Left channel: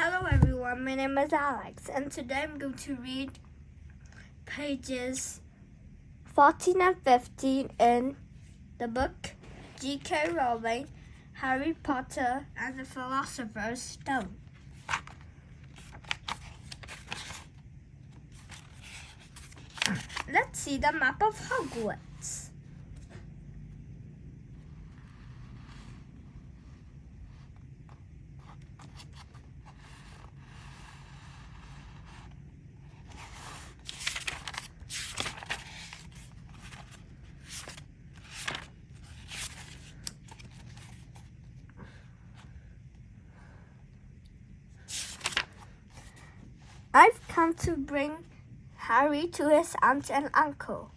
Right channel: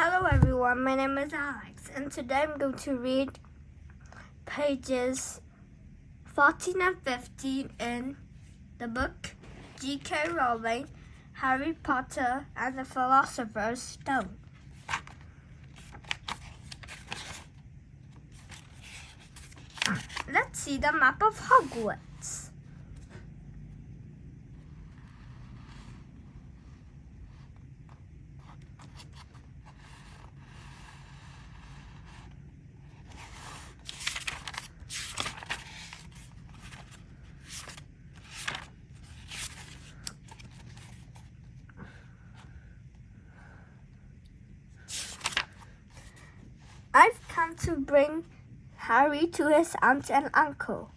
Hello everyone, my name is Alex, and today I'm going to read pages 14 and 15 in the book G.K. Rowling, Harry Potter and the Philosopher's Stone. Let's see the map of Hogwarts. I've come to bring Harry to his aunt and uncle.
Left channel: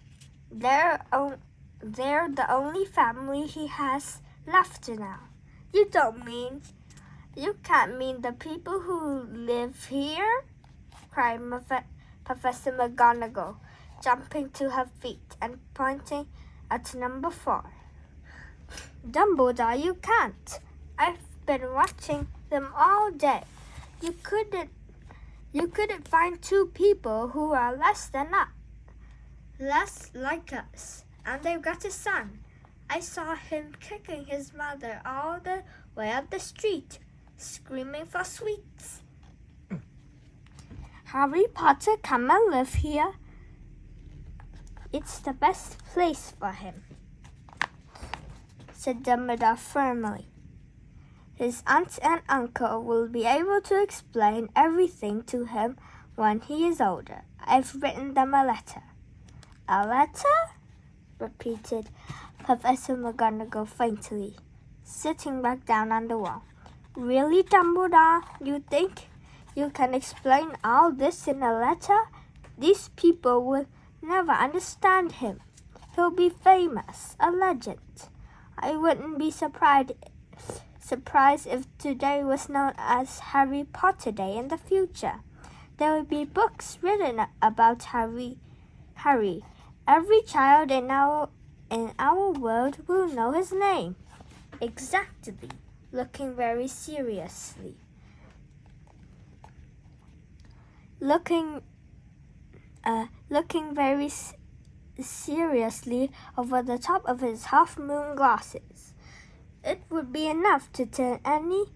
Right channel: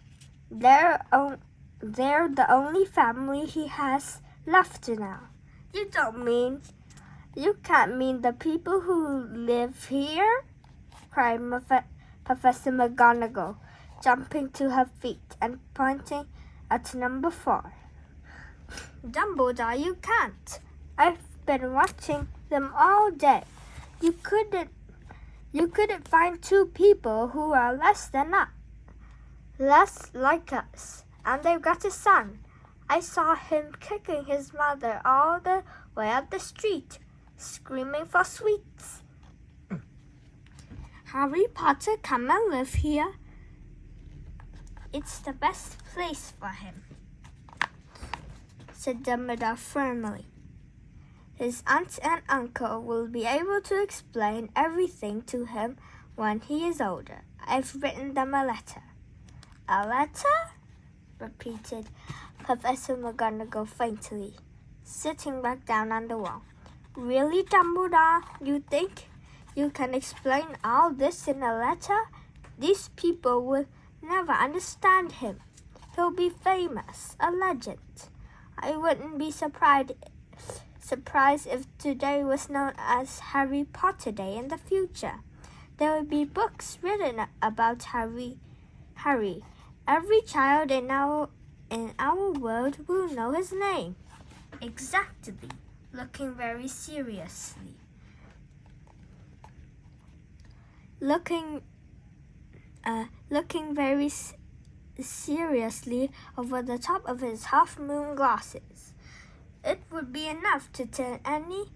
They're the only family he has left now. You can't mean the people who live here? Cried Professor McGonagall, jumping to her feet and pointing at number 4. Dumbledore, you can't. I've been watching them all day. You couldn't find 2 people who are less like us, and they've got a son. I saw him kicking his mother all the way up the street, screaming for sweets. Harry Potter, come and live here. It's the best place for him, said Dumbledore firmly. His aunt and uncle will be able to explain everything to him when he is older. I've written them a letter. A letter? Repeated Professor McGonagall faintly, sitting back down on the wall. Really, Dumbledore? You think you can explain all this in a letter? These people will never understand him. He'll be famous, a legend. I wouldn't be surprised if today was known as Harry Potter Day in the future. There will be books written about Harry. Every child in our world will know his name. Exactly. Looking very seriously over the top of his half-moon glasses. It would be enough to turn any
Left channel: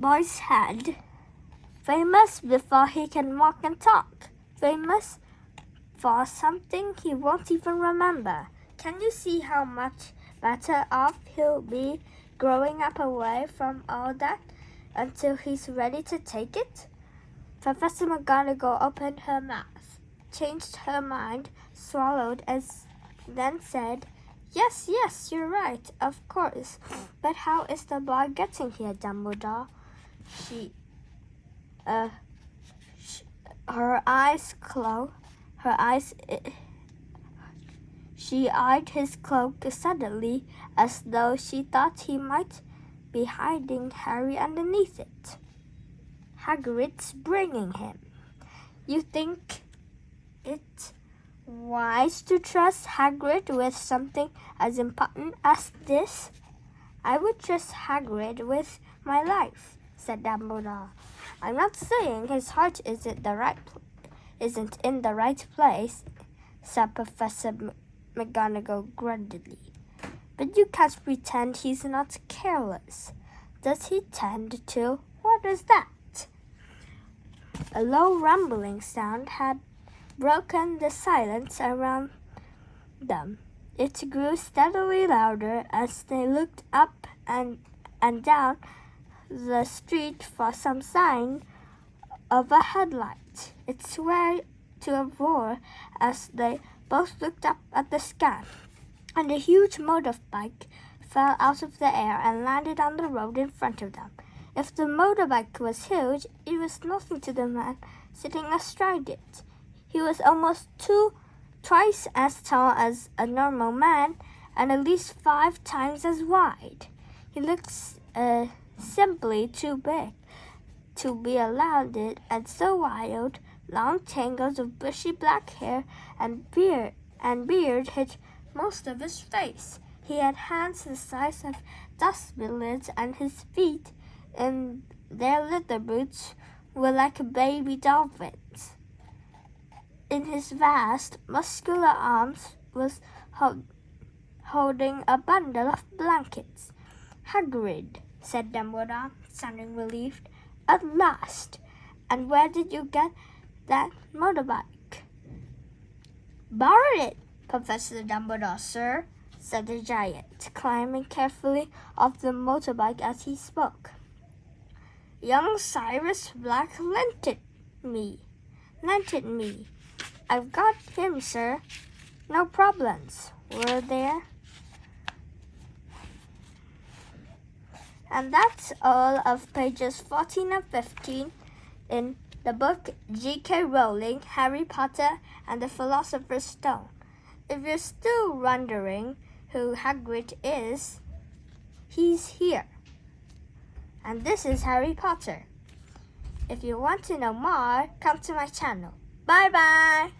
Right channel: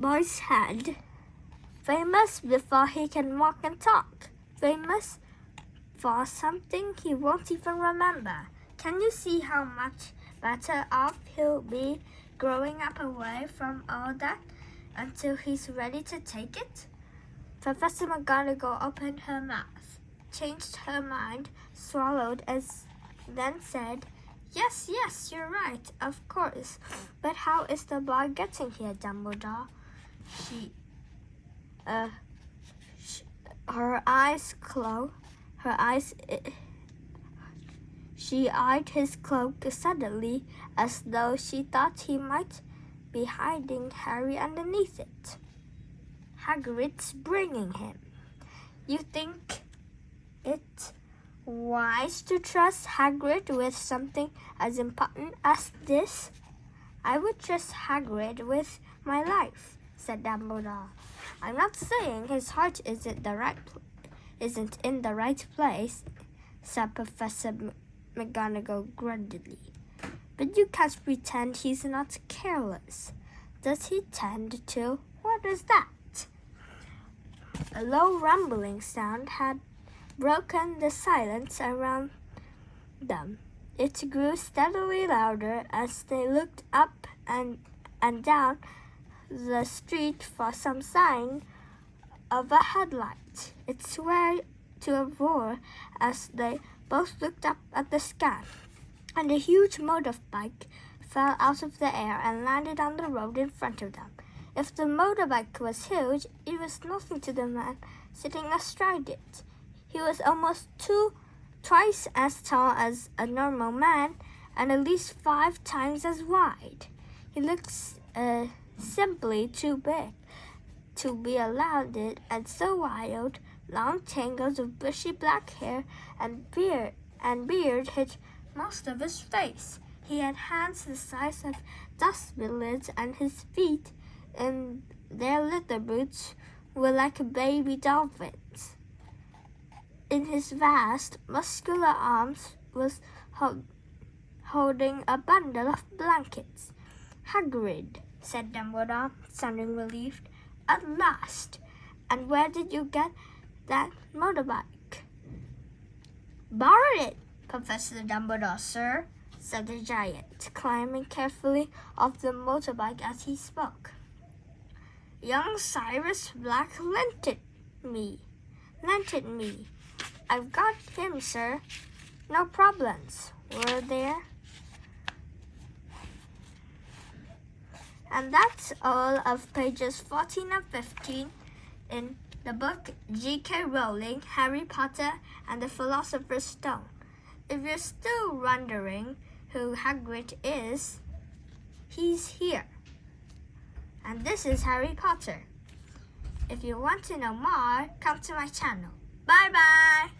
boy's head. Famous before he can walk and talk. Famous for something he won't even remember. Can you see how much better off he'll be growing up away from all that until he's ready to take it? Professor McGonagall opened her mouth, changed her mind, swallowed, then said, Yes, you're right, of course. But how is the boy getting here, Dumbledore? She eyed his cloak suddenly, as though she thought he might be hiding Harry underneath it. Hagrid's bringing him. You think it wise to trust Hagrid with something as important as this? I would trust Hagrid with my life, said Dumbledore. I'm not saying his heart isn't in the right place, said Professor McGonagall gruntedly. But you can't pretend he's not careless. Does he tend to? What is that? A low rumbling sound had broken the silence around them. It grew steadily louder as they looked up and down the street for some sign of a headlight. It swelled to a roar as they both looked up at the sky, and a huge motorbike fell out of the air and landed on the road in front of them. If the motorbike was huge, it was nothing to the man sitting astride it. He was almost twice as tall as a normal man and at least 5 times as wide. He looks simply too big to be allowed it, and so wild, long tangles of bushy black hair and beard hid most of his face. He had hands the size of dustbin lids, and his feet and their little boots were like baby dolphins. In his vast, muscular arms was holding a bundle of blankets. "Hagrid," said Dumbledore, sounding relieved. "At last! And where did you get that motorbike?" "Borrowed it, Professor Dumbledore, sir," said the giant, climbing carefully off the motorbike as he spoke. "Young Sirius Black lent it me. I've got him, sir. No problems, were there?" And that's all of pages 14 and 15 in the book J.K. Rowling, Harry Potter and the Philosopher's Stone. If you're still wondering who Hagrid is, he's here. And this is Harry Potter. If you want to know more, come to my channel. Bye-bye!